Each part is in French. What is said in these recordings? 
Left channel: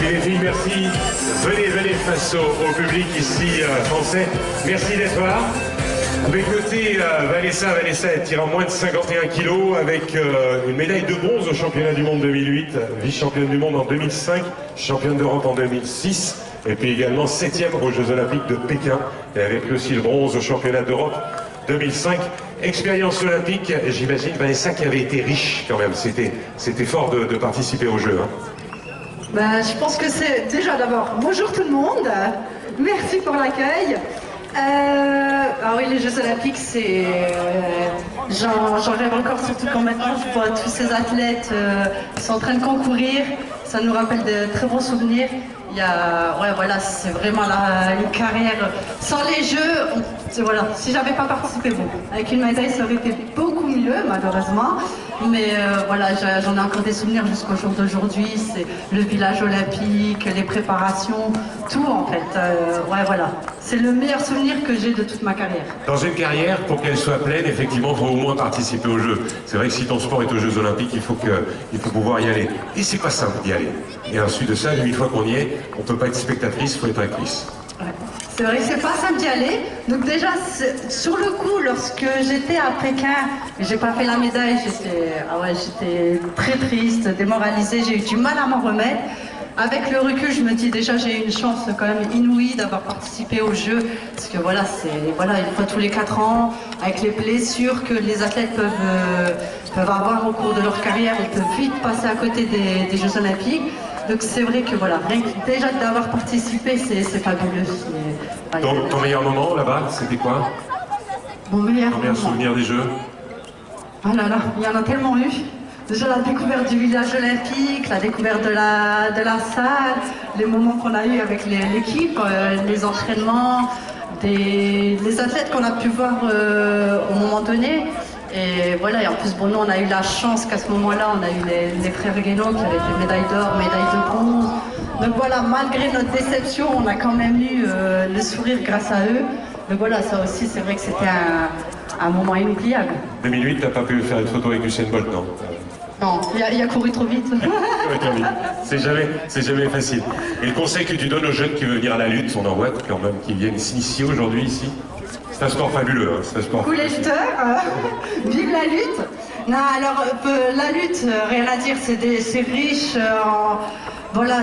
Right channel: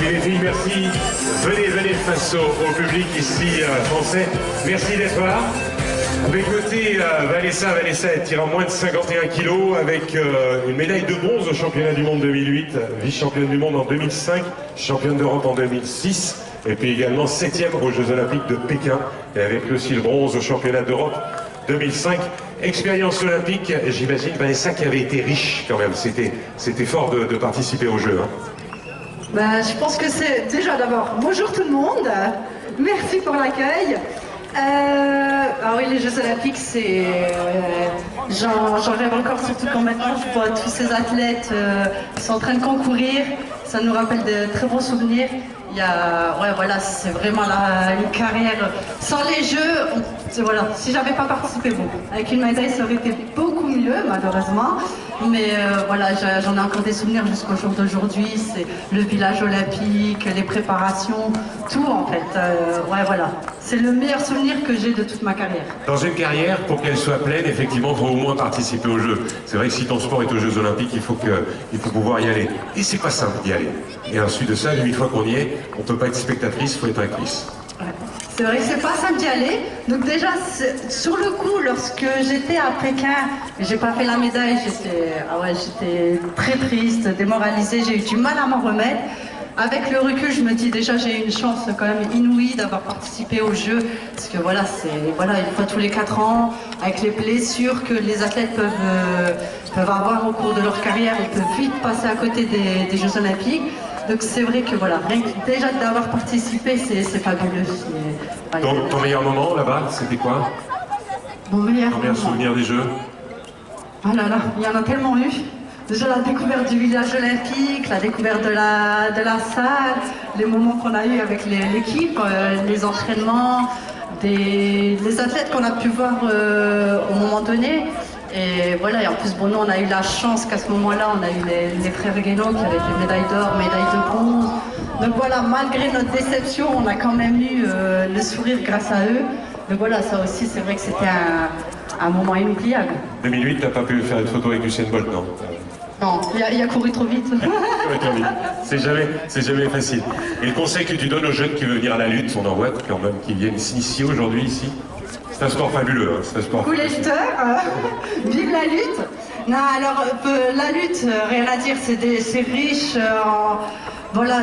Amis les filles, merci. Venez face au public ici français. Merci d'être là. Avec côté Vanessa est tirant moins de 51 kilos avec une médaille de bronze au championnat du monde 2008, vice-championne du monde en 2005, championne d'Europe en 2006 et puis également 7e aux Jeux Olympiques de Pékin et avec aussi le bronze au championnat d'Europe 2005. Expérience olympique, j'imagine Vanessa qui avait été riche quand même, c'était fort de participer aux Jeux. Hein. Ben, je pense que c'est déjà d'abord bonjour tout le monde, merci pour l'accueil. Ah oui, les Jeux Olympiques, c'est j'en rêve encore, surtout quand maintenant je vois tous ces athlètes qui sont en train de concourir. Ça nous rappelle de très bons souvenirs. Il y a, ouais, voilà, c'est vraiment une carrière sans les Jeux. Voilà, si j'avais pas participé, bon, avec une médaille, ça aurait été beaucoup mieux, malheureusement. Mais voilà, j'en ai encore des souvenirs jusqu'au jour d'aujourd'hui. C'est le village olympique, les préparations, tout en fait. Ouais, voilà, c'est le meilleur souvenir que j'ai de toute ma carrière. Dans une carrière, pour qu'elle soit pleine, effectivement, il faut au moins participer aux Jeux. C'est vrai que si ton sport est aux Jeux Olympiques, il faut pouvoir y aller. Et c'est pas simple d'y aller. Et ensuite de ça, une fois qu'on y est, on peut pas être spectatrice, il faut être actrice. Ouais. C'est vrai que c'est pas simple d'y aller. Donc déjà, sur le coup, lorsque j'étais à Pékin, j'ai pas fait la médaille, j'étais très triste, démoralisée, j'ai eu du mal à m'en remettre. Avec le recul, je me dis déjà j'ai eu une chance quand même inouïe d'avoir participé aux Jeux, parce que voilà, une fois tous les 4 ans, avec les blessures que les athlètes peuvent avoir au cours de leur carrière, ils peuvent vite passer à côté des Jeux Olympiques. Donc c'est vrai que voilà, rien que déjà d'avoir participé, c'est fabuleux. Voilà. Ton meilleur moment là-bas, c'était quoi? Mon meilleur souvenir des Jeux? Oh là là, il y en a tellement eu. Déjà la découverte du village olympique, la découverte de la salle, les moments qu'on a eu avec l'équipe, les entraînements, les athlètes qu'on a pu voir au moment donné. Et voilà, et en plus, bon, nous, on a eu la chance qu'à ce moment-là, on a eu les frères Guénaud qui avaient été médaille d'or, médaille de bronze. Donc voilà, malgré notre déception, on a quand même eu le sourire grâce à eux. Donc voilà, ça aussi, c'est vrai que c'était un moment inoubliable. 2008, t'as pas pu faire une photo avec Usain Bolt, non? Non, il a couru trop vite. C'est jamais facile. Et le conseil que tu donnes aux jeunes qui veulent venir à la lutte, on en voit quand même qui viennent s'initier aujourd'hui ici. C'est un sport fabuleux, hein, c'est un sport. Coups les jeteurs, vive la lutte. Non, alors la lutte, rien à dire, c'est riche. Voilà,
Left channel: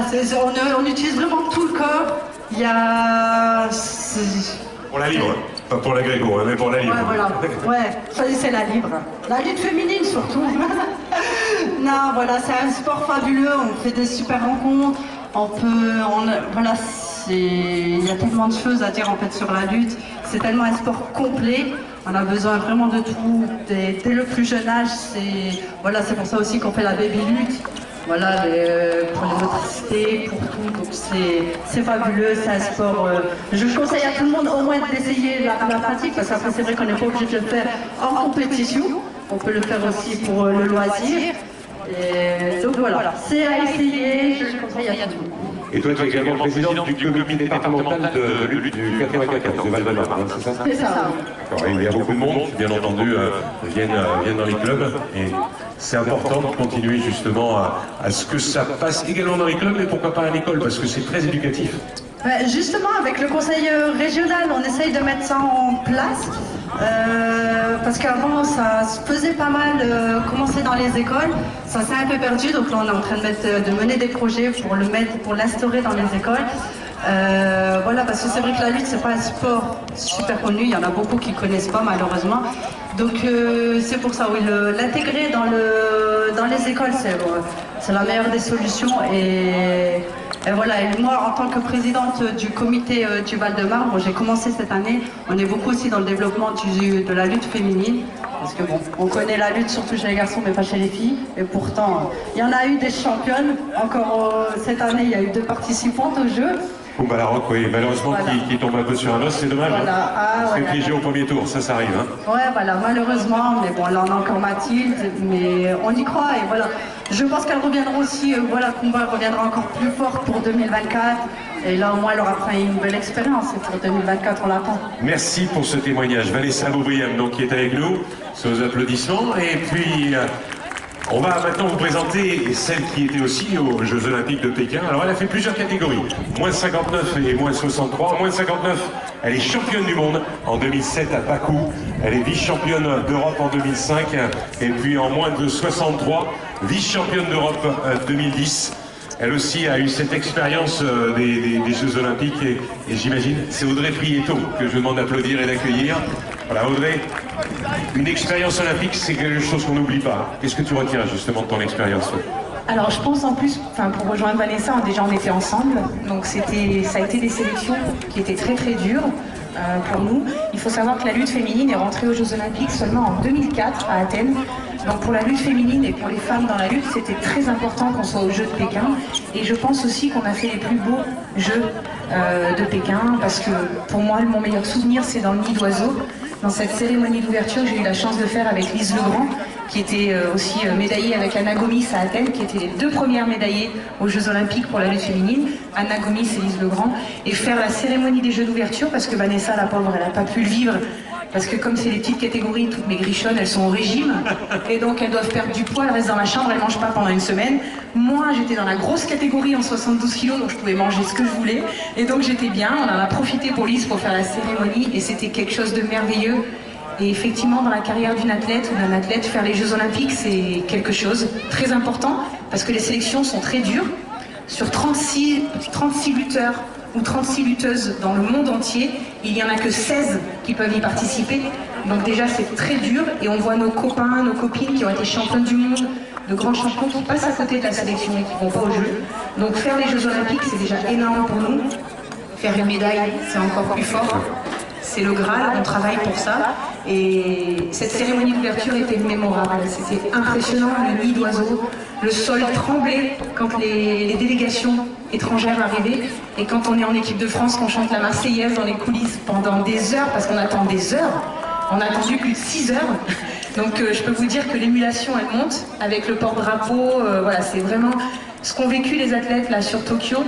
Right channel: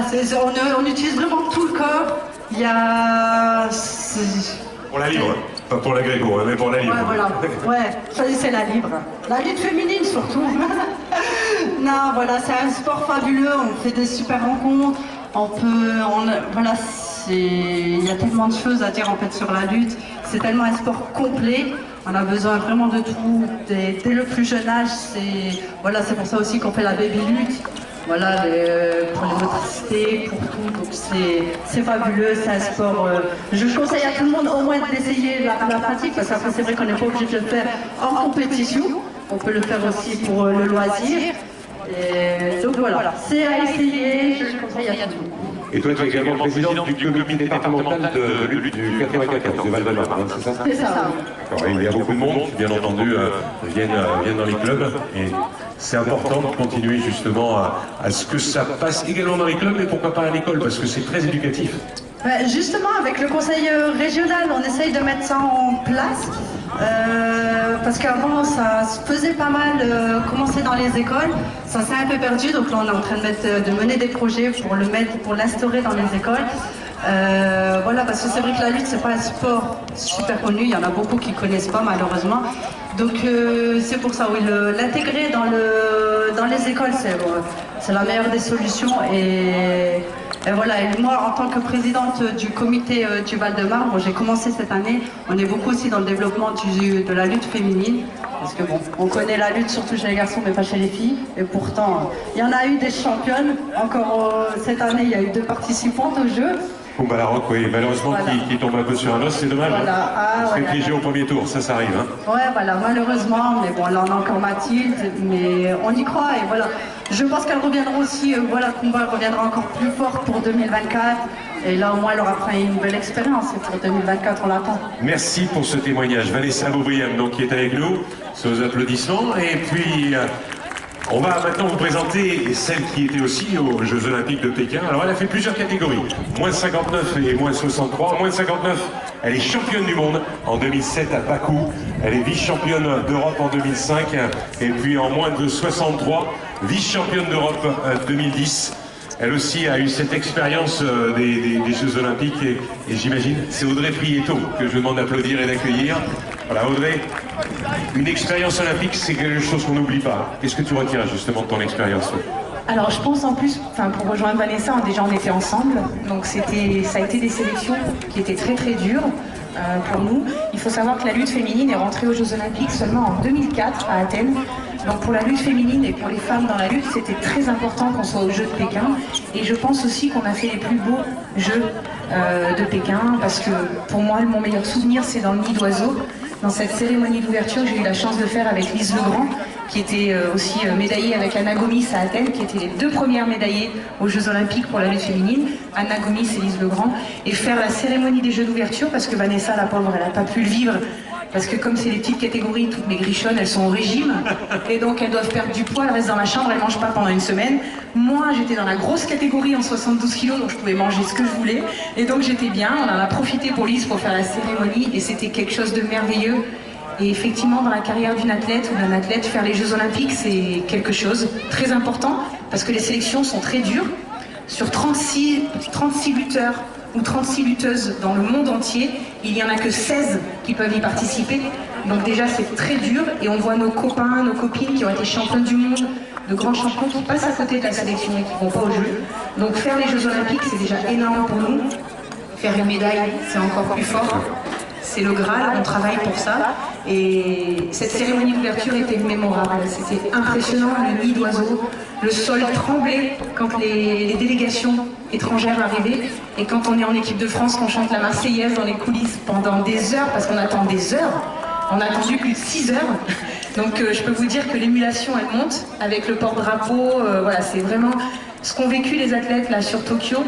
on utilise vraiment tout le corps. Il y a. Pour la libre, pas pour la gréco, hein, mais pour la libre. Ouais, voilà. Ouais, ça c'est la libre. La lutte féminine surtout. Non, voilà, c'est un sport fabuleux. On fait des super rencontres. Voilà, il y a tellement de choses à dire en fait sur la lutte. C'est tellement un sport complet. On a besoin vraiment de tout. Dès le plus jeune âge, voilà, c'est pour ça aussi qu'on fait la baby lutte. Voilà, pour les motricités, pour tout. Donc c'est fabuleux, c'est un sport. Je conseille à tout le monde au moins d'essayer la pratique, parce qu'après c'est vrai qu'on n'est pas obligé de le faire en compétition. On peut le faire aussi pour le loisir. Et donc voilà, c'est à essayer, je le conseille à tout le monde. Et toi, tu es également président du comité départemental de lutte du 94 de Val-de-Marne, hein, c'est ça? C'est ça. Il y a beaucoup de monde qui, bien entendu, viennent dans les clubs. Et c'est important de continuer justement à ce que ça passe également dans les clubs, mais pourquoi pas à l'école, parce que c'est très éducatif. Justement, avec le conseil régional, on essaye de mettre ça en place. Parce qu'avant, ça se faisait pas mal commencer dans les écoles. Ça s'est un peu perdu, donc là on est en train de mener des projets pour l'instaurer dans les écoles. Voilà, parce que c'est vrai que la lutte, c'est pas un sport super connu, il y en a beaucoup qui connaissent pas malheureusement. Donc c'est pour ça, oui, l'intégrer dans les écoles, c'est la meilleure des solutions. Et voilà, et moi en tant que présidente du comité du Val-de-Marne, j'ai commencé cette année, on est beaucoup aussi dans le développement de la lutte féminine. Parce que bon, on connaît la lutte surtout chez les garçons mais pas chez les filles. Et pourtant, il y en a eu des championnes. Encore cette année, il y a eu 2 participantes au jeu. Kumba Larocque, oui, malheureusement, voilà. qui tombe un peu sur un os, c'est dommage. Voilà. Hein. Parce que piégé au premier tour, ça arrive. Hein. Ouais, voilà, malheureusement, mais bon, là on a encore Mathilde, mais on y croit et voilà. Je pense qu'elle reviendra aussi, voilà, Kumba reviendra encore plus forte pour 2024. Et là, au moins, elle aura pris une belle expérience. Et pour 2024, on l'attend. Merci pour ce témoignage. Vanessa Beaubriam, donc, qui est avec nous, sous applaudissements. Et puis, On va maintenant vous présenter celle qui était aussi aux Jeux Olympiques de Pékin. Alors elle a fait plusieurs catégories, moins de 59 et moins de 63. Moins de 59, elle est championne du monde en 2007 à Bakou. Elle est vice-championne d'Europe en 2005. Et puis en moins de 63, vice-championne d'Europe 2010. Elle aussi a eu cette expérience des Jeux Olympiques et j'imagine, c'est Audrey Prieto que je demande d'applaudir et d'accueillir. Voilà Audrey, une expérience olympique c'est quelque chose qu'on n'oublie pas. Qu'est-ce que tu retiens justement de ton expérience? Alors je pense en plus, pour rejoindre Vanessa, déjà on était ensemble, donc ça a été des sélections qui étaient très très dures pour nous. Il faut savoir que la lutte féminine est rentrée aux Jeux Olympiques seulement en 2004 à Athènes. Donc pour la lutte féminine et pour les femmes dans la lutte, c'était très important qu'on soit aux Jeux de Pékin. Et je pense aussi qu'on a fait les plus beaux Jeux de Pékin, parce que pour moi, mon meilleur souvenir, c'est dans le nid d'oiseau. Dans cette cérémonie d'ouverture que j'ai eu la chance de faire avec Lise Legrand, qui était aussi médaillée avec Anna Gomis à Athènes, qui étaient les deux premières médaillées aux Jeux Olympiques pour la lutte féminine, Anna Gomis et Lise Legrand, et faire la cérémonie des Jeux d'ouverture, parce que Vanessa, la pauvre, elle n'a pas pu le vivre, parce que comme c'est les petites catégories, toutes mes grichonnes, elles sont au régime, et donc elles doivent perdre du poids, elles restent dans ma chambre, elles ne mangent pas pendant une semaine. Moi, j'étais dans la grosse catégorie en 72 kilos, donc je pouvais manger ce que je voulais, et donc j'étais bien. On en a profité pour Lise pour faire la cérémonie, et c'était quelque chose de merveilleux. Et effectivement, dans la carrière d'une athlète ou d'un athlète, faire les Jeux Olympiques, c'est quelque chose de très important, parce que les sélections sont très dures. Sur 36 lutteurs ou 36 lutteuses dans le monde entier, il n'y en a que 16 qui peuvent y participer. Donc déjà, c'est très dur, et on voit nos copains, nos copines qui ont été championnes du monde, de grands champions qui passent à côté de la sélection et qui ne vont pas aux Jeux. Donc faire les Jeux Olympiques, c'est déjà énorme pour nous. Faire une médaille, c'est encore plus fort. C'est le Graal, on travaille pour ça. Et cette cérémonie d'ouverture était mémorable. C'était impressionnant, le nid d'oiseaux, le sol tremblait quand les délégations étrangères arrivaient. Et quand on est en équipe de France, qu'on chante la Marseillaise dans les coulisses pendant des heures, parce qu'on attend des heures, on a attendu plus de 6 heures. Donc je peux vous dire que l'émulation, elle monte avec le porte-drapeau. Voilà, c'est vraiment ce qu'ont vécu les athlètes là sur Tokyo.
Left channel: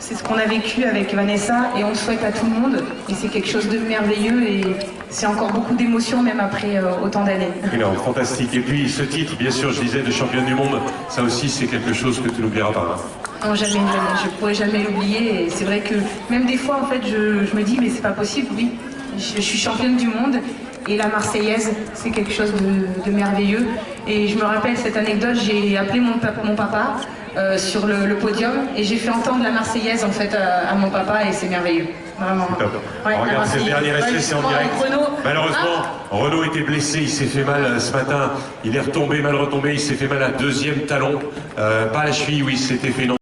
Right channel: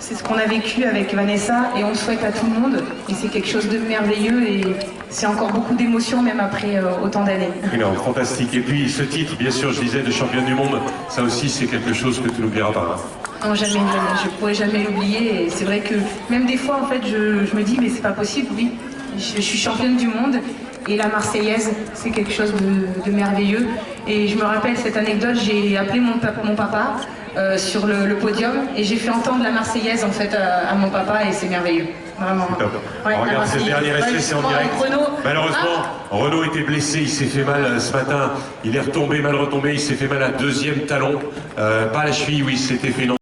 C'est ce qu'on a vécu avec Vanessa, et on le souhaite à tout le monde. Et c'est quelque chose de merveilleux, et c'est encore beaucoup d'émotions même après autant d'années. Non, fantastique. Et puis ce titre, bien sûr, je disais, de championne du monde, ça aussi c'est quelque chose que tu n'oublieras pas. Non, jamais, jamais. Je ne pourrais jamais l'oublier. Et c'est vrai que même des fois, en fait, je me dis, mais c'est pas possible, oui. Je suis championne du monde. Et la Marseillaise, c'est quelque chose de merveilleux. Et je me rappelle cette anecdote, j'ai appelé mon papa sur le podium, et j'ai fait entendre la Marseillaise en fait à mon papa, et c'est merveilleux. Vraiment. Ouais, on regarde cette dernière essai, c'est en direct. Malheureusement, Renaud était blessé, il s'est fait mal ce matin. Il est retombé, mal retombé, il s'est fait mal à deuxième talon. Pas à la cheville, oui, il s'était fait une